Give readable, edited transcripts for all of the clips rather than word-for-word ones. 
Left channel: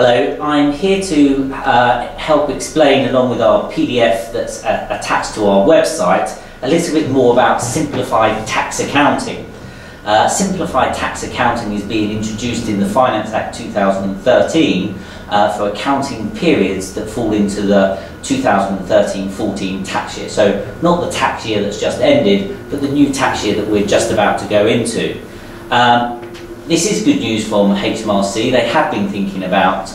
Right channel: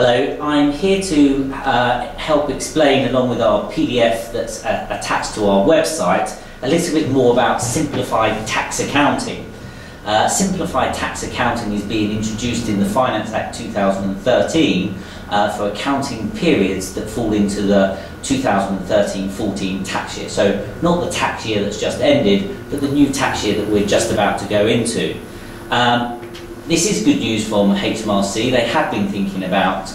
Hello, I'm here to help explain, along with our PDF that's attached to our website, a little bit more about simplified tax accounting. Simplified tax accounting is being introduced in the Finance Act 2013 for accounting periods that fall into the 2013-14 tax year. So not the tax year that's just ended, but the new tax year that we're just about to go into. This is good news from HMRC. They have been thinking about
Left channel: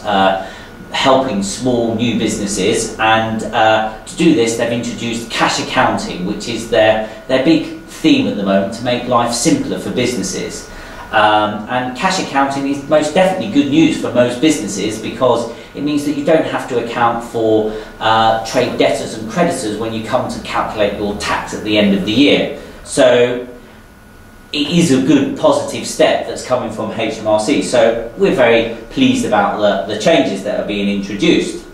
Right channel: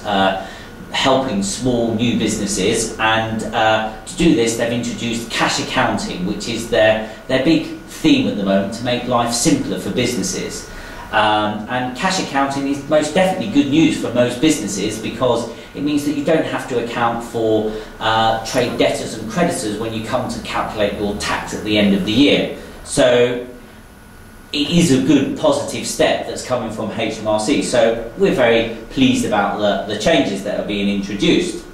helping small new businesses, and to do this they've introduced cash accounting, which is their big theme at the moment, to make life simpler for businesses. And cash accounting is most definitely good news for most businesses, because it means that you don't have to account for trade debtors and creditors when you come to calculate your tax at the end of the year. So it is a good positive step that's coming from HMRC, so we're very pleased about the changes that are being introduced.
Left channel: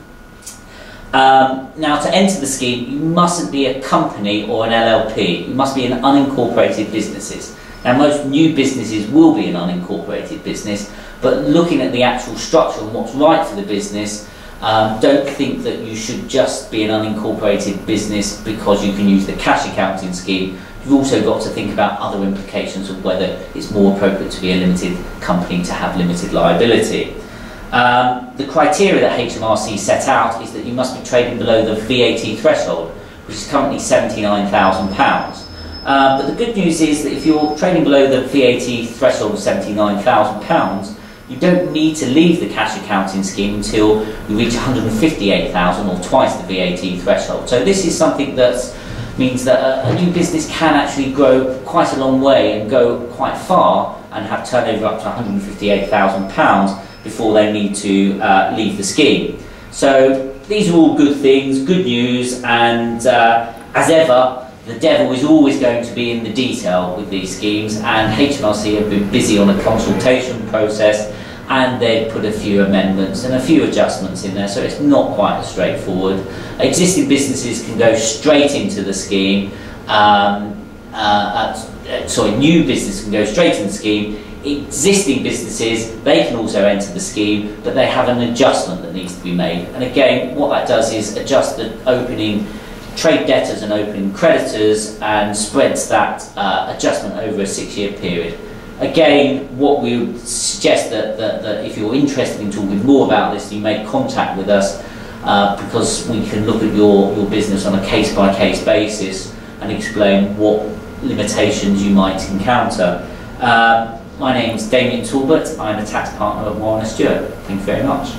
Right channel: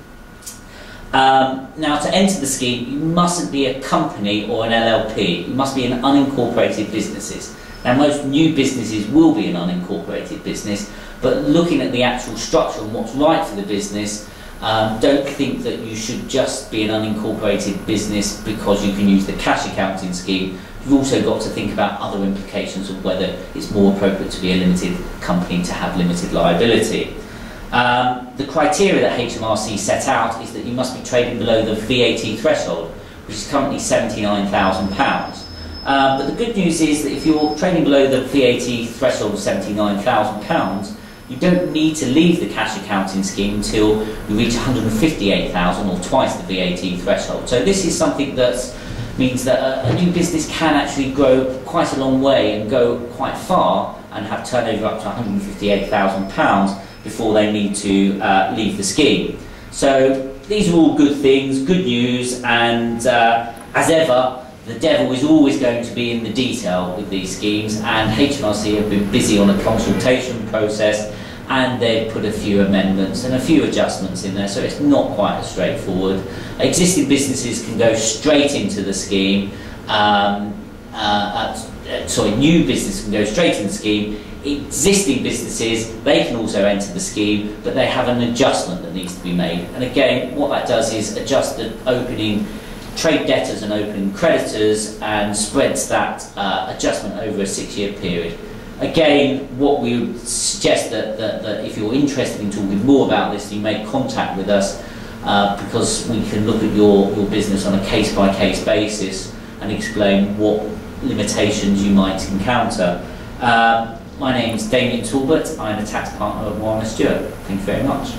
Now, to enter the scheme, you mustn't be a company or an LLP. You must be an unincorporated business. Now, most new businesses will be an unincorporated business, but looking at the actual structure and what's right for the business, don't think that you should just be an unincorporated business because you can use the cash accounting scheme. You've also got to think about other implications of whether it's more appropriate to be a limited company to have limited liability. The criteria that HMRC set out is that you must be trading below the VAT threshold, which is currently £79,000. But the good news is that if you're trading below the VAT threshold of £79,000, you don't need to leave the cash accounting scheme until you reach £158,000, or twice the VAT threshold. So this is something that means that a new business can actually grow quite a long way and go quite far and have turnover up to £158,000 before they need to leave the scheme. So these are all good things, good news, and as ever, the devil is always going to be in the detail with these schemes, and HMRC have been busy on a consultation process, and they've put a few amendments and a few adjustments in there, so it's not quite as straightforward. Existing businesses can go straight into the scheme. New business can go straight into the scheme. Existing businesses, they can also enter the scheme, but they have an adjustment that needs to be made. And again, what that does is adjust the opening trade debtors and opening creditors, and spreads that adjustment over a 6-year period. Again, what we would suggest that if you're interested in talking more about this, you make contact with us, because we can look at your business on a case-by-case basis and explain what limitations you might encounter. My name's Damian Talbot. I'm a tax partner at Warrener Stewart. Thank you very much.